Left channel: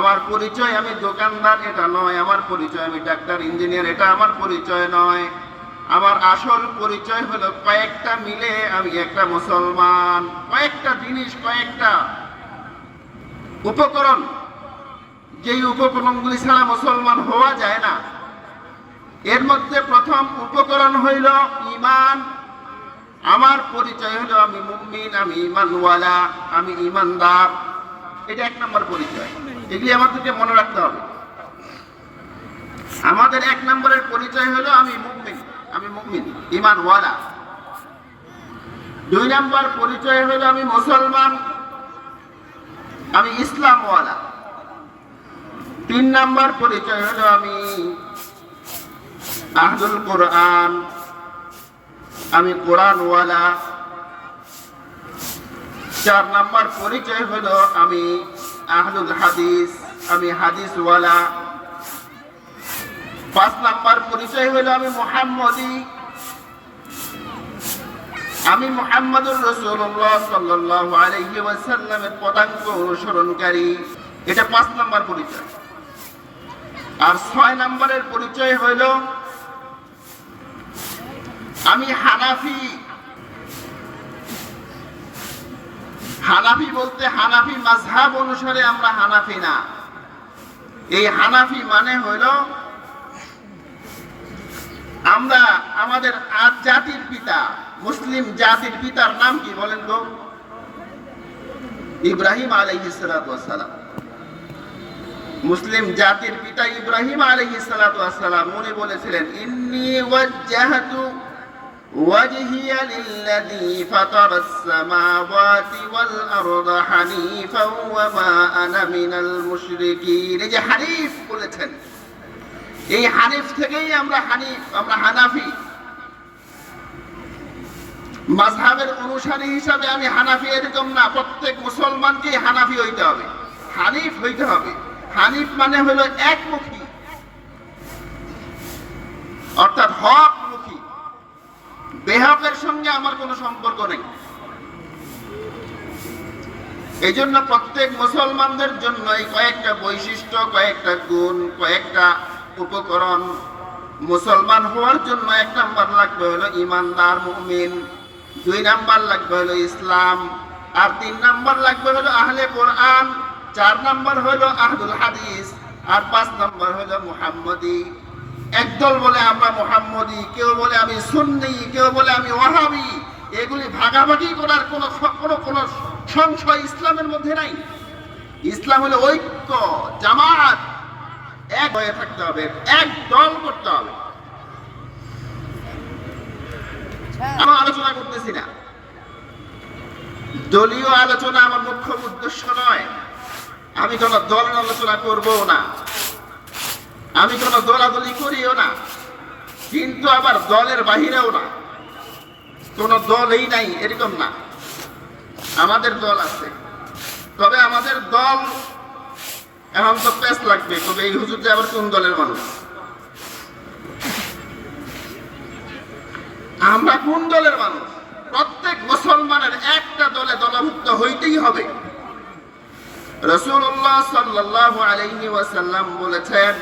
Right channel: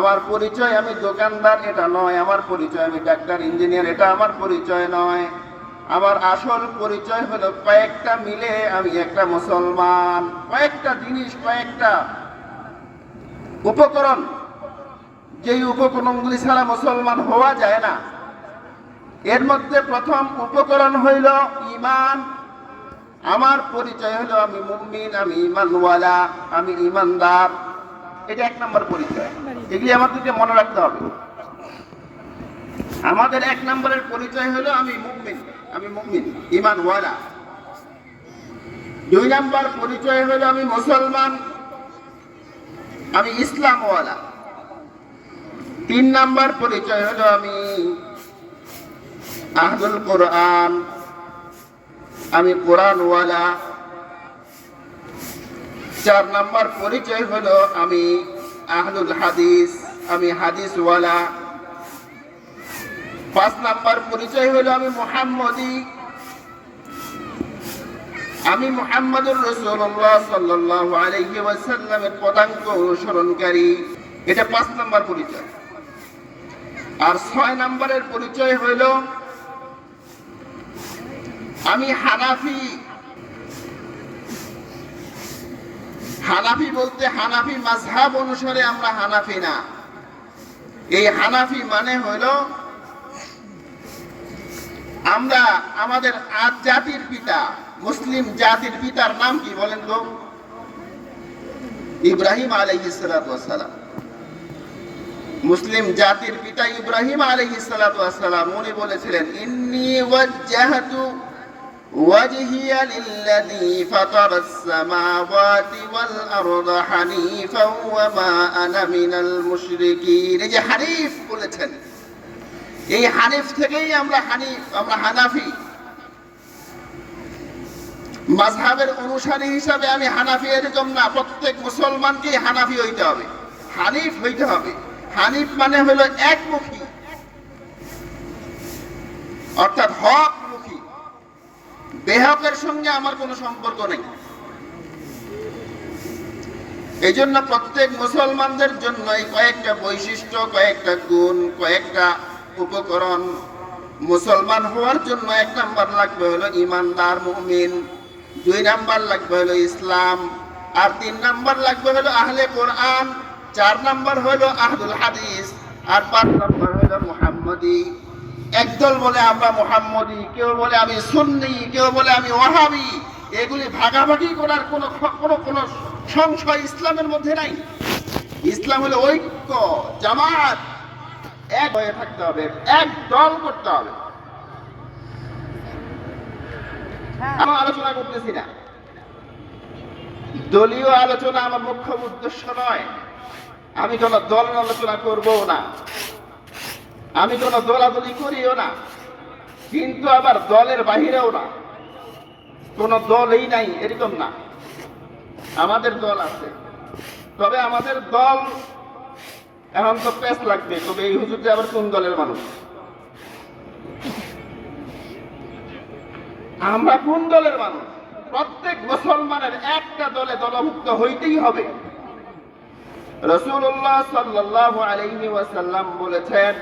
আমার পরিচয় আমি দোকানদার এটা নয়, আমার পরিচয় আমি ডাক্তার ইঞ্জিনিয়ার এটা আমার পরিচয় নয়। আমার আসল পরিচয় হলো কয়েকটা মিলে আমি একটা মুসলমান। কয়েকটা জিনিস, কয়েকটা উপকরণ, যেই উপকরণগুলি ছাড়া মুসলমান হওয়া যায় না। এর মধ্যে প্রথম উপকরণ হইল ঈমান। আমার পরিচয় হলো আমি মুমিন, আমি ঈমানওয়ালা, আমি ঈমানদার। এটা এক নম্বর পরিচয়। এগুলি আমাদেরকে মনে রাখতে হবে। আমাদের এক নম্বরের পরিচয় হলো আমি মুমিন, আমি মুমিন ঈমানওয়ালা। দুই নম্বর পরিচয় হলো আমি মুসলমান, আমি ইসলামওয়ালা। তিন নম্বর পরিচয় হলো আমি আহলুল কোরআন, আমি কোরআনওয়ালা। চার নম্বর পরিচয় হলো আমি আহলুল হাদিস, আমি হাদিসওয়ালা। পাঁচ নম্বর পরিচয় হলো আমি মুহাম্মদী, আমি মুহাম্মদুর রাসূলুল্লাহ সাল্লাল্লাহু আলাইহি ওয়াসাল্লামের পদাঙ্ক অনুসরণকারী। এটা পাঁচ নম্বর পরিচয়। আর ছয় নম্বরের পরিচয় হইল আমি হানাফি। হানাফি বলতে হানাফি মাযহাব অনুসারে আমরা হানাফি না। এই হানাফি মানে হইল আমরা আমাদের জাতির পিতা, মুসলিম জাতির পিতার নাম কি বলেন তো? ইব্রাহিম আলাইহিস সালাতু ওয়াস সালাম। মুসলিম জাতির পিতা ইব্রাহিম আলাইহিস সালাতু ওয়াস সালাম উনি বলেছিলেন, ইন্নী ওয়াজ্জাহতু ওয়াজহিয়া লিল্লাযী ফাতারাস সামাওয়াতি ওয়াল আরদা হানিফাও ওয়া মা আনা মিনাল মুশরিকিন। এই যে হানিফ বলেছেন, এই হানিফ থেকেই আমরা হানিফ, আমরা হানাফি। মাযহাবের অনুসারী হিসাবে আমি হানাফি এরকম না, প্রত্যেক মুসলমানকেই হানাফি হইতে হবে, হানিফ হইতে হবে। হানিফ মানে হলো একমুখী, অর্থাৎ হকমুখী। বেহকের সঙ্গে আমার কোনো সম্পর্ক নেই। এই জন্য প্রত্যেক মুসলমানদের জন্য এই কয়েকটা বৈশিষ্ট্য, কয়েকটা গুণ, কয়েকটা উপকরণ। মুসলমান হওয়ার জন্য এক নাম্বার লাগবে হলো ইমানদার মুমিন, দুই নাম্বার লাগবে হলো ইসলাম, আর তিন নাম্বার লাগবে হলো আহলে কোরআন, চার নাম্বার হলো আহলুল হাদিস, আর পাঁচ নাম্বার হলো মুহাম্মদী। একদল বলে আমরা মুহাম্মদী, কেউ বলে আমি সুন্নি, কেউ বলে আমি ওয়াহাবি। এগুলি ভাগাভাগি করার কোনো কোনো কোনো সংশয় ইসলামের মধ্যে নাই। ইসলাম হলো ঐক্য, জামাত, এক হয়ে থাকতে হবে, এক দল করতে হবে। আমরা আলোচনা করতেছি না, দলীয় আলোচনা আমার মুখ্য উদ্দেশ্য নয়। আমি কোন দলের আলোচনা করবো না, আমি কোন দলাদলি করিও না, কিন্তু আবার দলের বাহিরেও না, কোন দলই নাই এরকম না। আমাদের দল আছে, তবে আমাদের দল এখন তো প্যাস লাগবে, তবে এই হুজুর যে আবার কোন দলের মানুষ, আমরা কোন দলের মানুষ? প্রত্যেক মুসলমানের একটা দলে দলভুক্ত হইতেই হবে। রাসূলুল্লাহ সাল্লাল্লাহু আলাইহি ওয়াসাল্লাম বলেছেন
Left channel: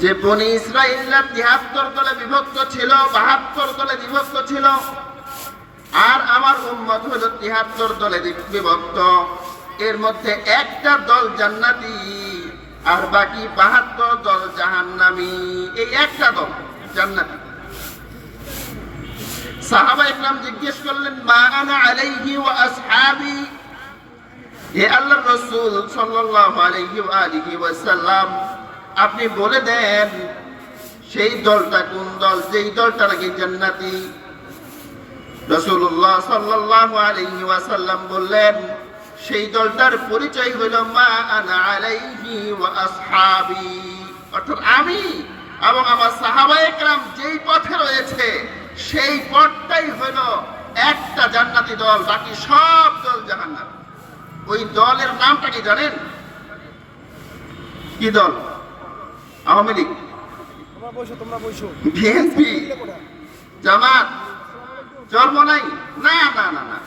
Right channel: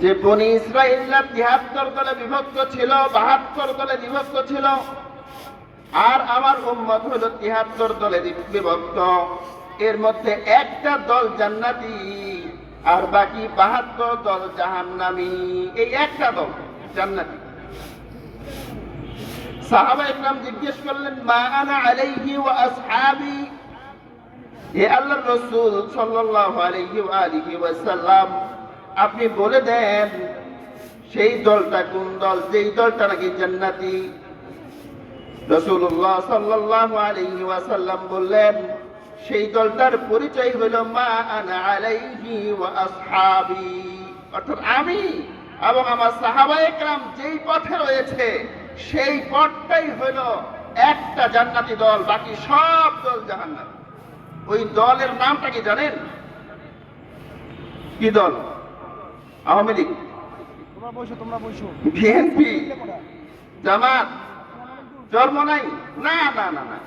যে বনি ইসরাঈলরা ৭৩ দলে বিভক্ত ছিল, ৭২ দলে বিভক্ত ছিল, আর আমার উম্মত হলো ৭৩ দলে বিভক্ত। এর মধ্যে একটা দল জান্নাতি আর বাকি ৭২ দল জাহান্নামী। এই একটা দল জান্নাতি। সাহাবায়ে কেরাম জিজ্ঞেস করলেন, মা আনা আলাইহি ওয়া আসহাবি, হে আল্লাহর রাসূল সাল্লাল্লাহু আলাইহি ওয়া আলিহি ওয়াসাল্লাম, আপনি বলে দেন সেই দলটা কোন দল, যেই দলটা নাকি জান্নাতি। রাসূলুল্লাহ সাল্লাল্লাহু আলাইহি ওয়াসাল্লাম বললেন, সেই দলটার পরিচয় হলো মা আনা আলাইহি ওয়া আসহাবি, অর্থাৎ আমি এবং আমার সাহাবায়ে কেরাম যেই পথে রয়েছে সেই পথটাই হলো একটা জান্নাতি দল, বাকি সব দল জাহান্নামী। ওই দলের নামটা কি জানেন? কি দল? আওয়ামী লীগ, বিএনপি, জামাত, চরমনাই? না না না না,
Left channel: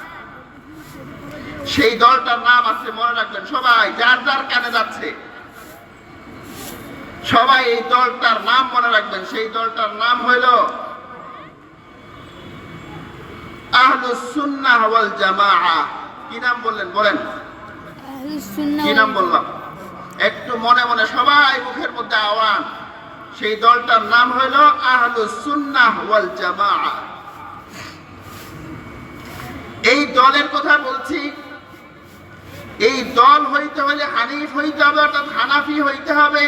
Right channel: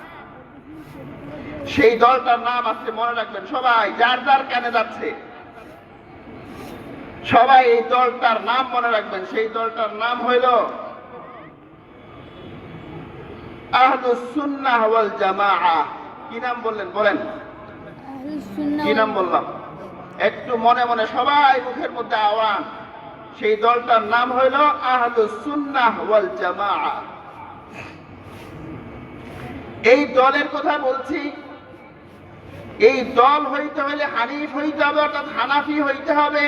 সেই দলটার নাম আছে, মনে রাখবেন সবাই, যার যার কানে যাচ্ছে সবাই এই দলটার নাম মনে রাখবেন। সেই দলটার নাম হইল আহলুস সুন্নাহ ওয়াল জামাআহ। কি নাম বললেন? বলেন, কি নাম বললাম? একটু মনে মনে সবাই মুখের মধ্যে আওয়াজ। সেই দলটার নাম হইল আহলুস সুন্নাহ ওয়াল জামাআহ। এই দলের কথা বলছি। এই দল হইতে হলে হানিফ হইতে হবে, অর্থাৎ হানাফি হইতে হবে।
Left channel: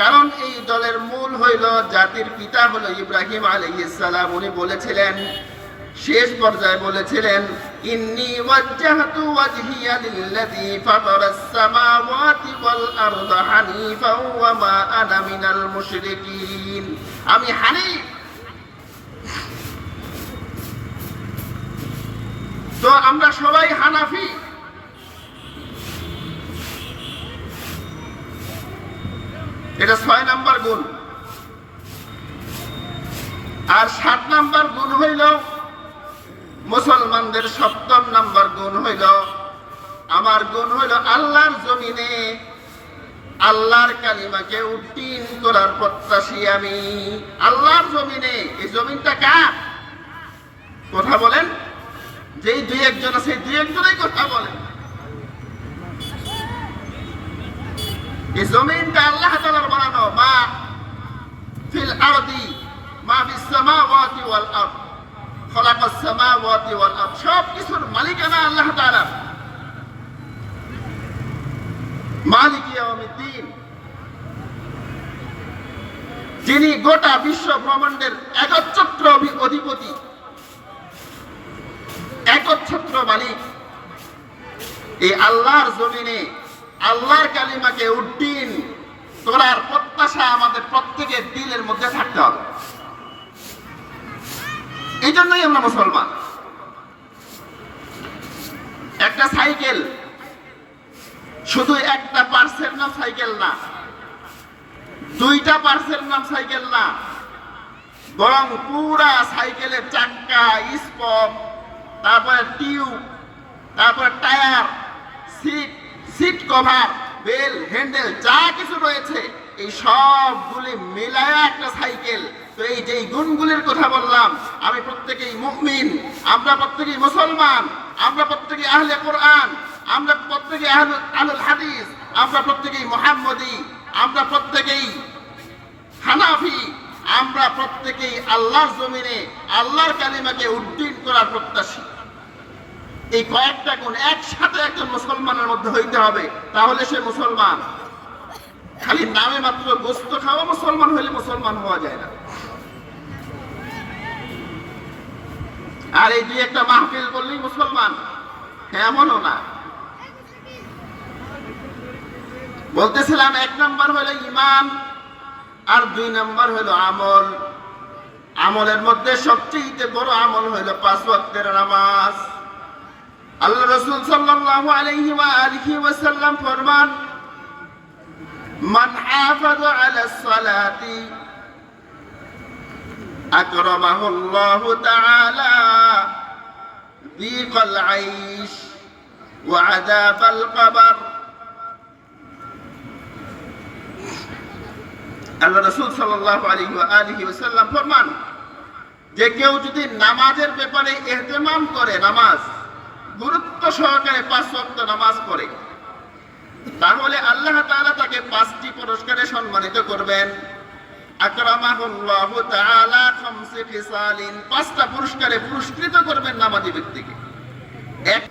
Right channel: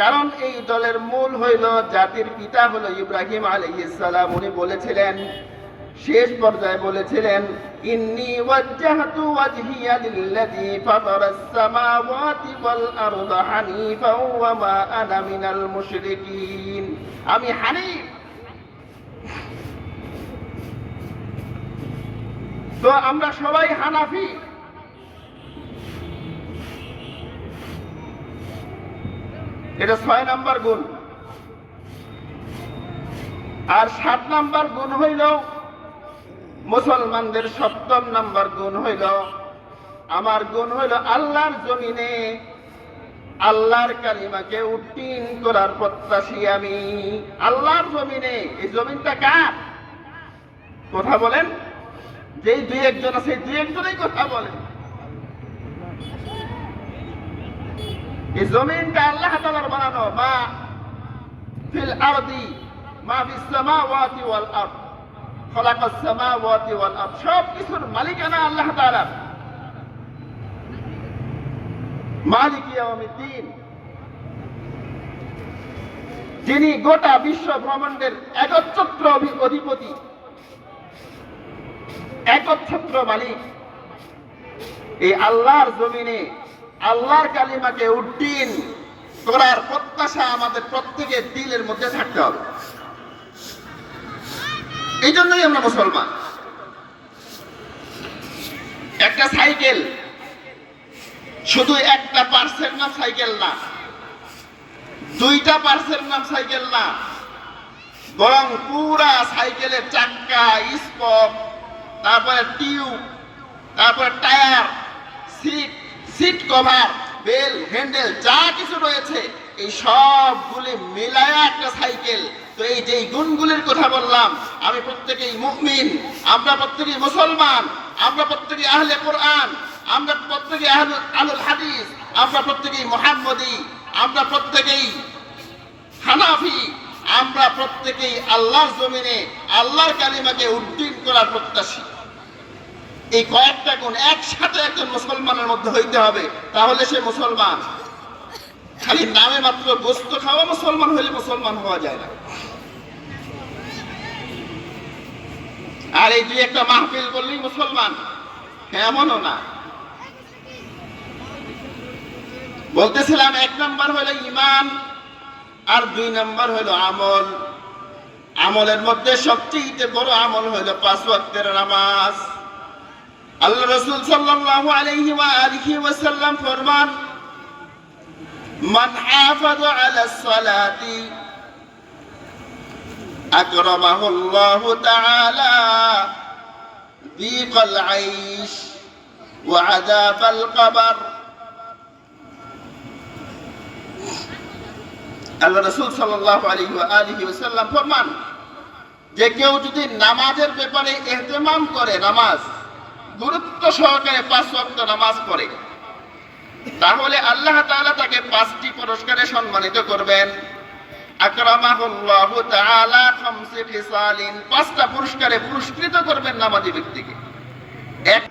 কারণ এই দলের মূল হইল, জাতির পিতা হলো ইব্রাহিম আলাইহিস সালাম। উনি বলেছিলেন, শেষ পর্যায়ে বলেছিলেন, ইন্নী ওয়াজ্জাহতু ওয়াজহিয়া লিল্লাযী ফাতারাস সামাওয়াতি ওয়াল আরদা হানিফাও ওয়া মা আনা মিনাল মুশরিকিন। আমি হানিফ। তো আমরা সবাই হানাফি। এটা 6 নাম্বার গুণ। আর 7 নাম্বার গুণ হইল মুসলমানদের, 7ম নাম্বার গুণ হইল, আমার গুণ হইল আল্লাহর জমিনে আল্লাহর কালিমাকে উত্তীর্ণ করার প্রত্যাশী আমি। আল্লাহর জমিনে, এই জমিনটা কার? কথা বলেন। যেই দুই একজন আছে, দুই একজনই কথা বলেন। এই জমিনটা আল্লাহ তাআলার বানানো। মা ফিল আরদি মা ফিস সামাওয়াতি ওয়াল আরদ খালাকাস সামাওয়াতি ওয়াল আরদ। সব কিছুর মালিকানা আল্লাহ তাআলা। মালিক ইয়াউমিদ্দিন, যিনি গোটা বিশ্ব ব্রহ্মাণ্ডের একচ্ছত্র অধিপতি, একচ্ছত্র মালিক। এই আল্লাহর জমিনে আল্লাহর কালিমাকে উদ্দিন করার প্রত্যাশা আমাদের প্রত্যেকের দিলের মধ্যে থাকতে হবে। এই জন্যই আমরা মুসলমান। একটা সাইকেল শুধু একটা পার্টসের নাম সাইকেল না, দুইটা পার্টসের নাম সাইকেল না, বরং পুরা সাইকেলের চাক্কা, স্পক, তারপরে টিউব, তারপরে tyre, seat cover, bell, handle, যা কিছু রয়েছে, এই সবগুলি মিলায়া একটা সাইকেল। তো এই যে গুণগুলির কথা বললাম, আমি প্রত্যেকেই মুমিন, আমরা প্রত্যেকেই মুসলমান, আমরা প্রত্যেকেই আহলে কোরআন, আমরা প্রত্যেকেই আহলুল হাদিস, আমরা প্রত্যেকেই মুহাম্মদী, আমরা প্রত্যেকেই হানাফি, আমরা প্রত্যেকেই আল্লাহর জমিনে আল্লাহর কালিমাকে উদ্দিন করার প্রত্যাশী। এই কয়েকটা গুণ একসাথে একজন মুসলমানের মধ্যে হইতে হবে, তাহলে সে মুসলমান। খালি নামে মাত্র গোস্ত খাওয়া মুসলমান হইলে মুসলমান হওয়া যায় না। আর এই দুই একটা মাহফিল করলেই মুসলমান, এমনও না। বলতেছিলাম 1 নাম্বার হলো ঈমান, আর 2 নাম্বার হলো আমল। আমলের মধ্যে সবচেয়ে বড় আমল হলো 5 ওয়াক্তের নামাজ। আল্লাহ রাসূল সাল্লাল্লাহু আলাইহি ওয়া আলিহি ওয়াসাল্লাম ফরমান, মান হাফাযা আলাস সালাতি আকরামাহুল্লাহু তাআলা দীকাল আইশ ওয়া আযাবাল কবর। আল্লাহ রাসূল সাল্লাল্লাহু আলাইহি ওয়া আলিহি ওয়াসাল্লাম ফরমান, যে কেউ যদি নামাজের ব্যাপারে ইহতিমাম করে, নামাজ গুরুত্ব সহকারে 5 ওয়াক্ত নামাজ পড়ে, তাহলে আল্লাহ তাআলা তাকে 5টি পুরস্কারে সম্মানিত করবেন। আকরামাহুল্লাহু তাআলা 5 খিসালিন, 5টা পুরস্কারে পুরস্কৃত করবেন নামাজি ব্যক্তিকে। এক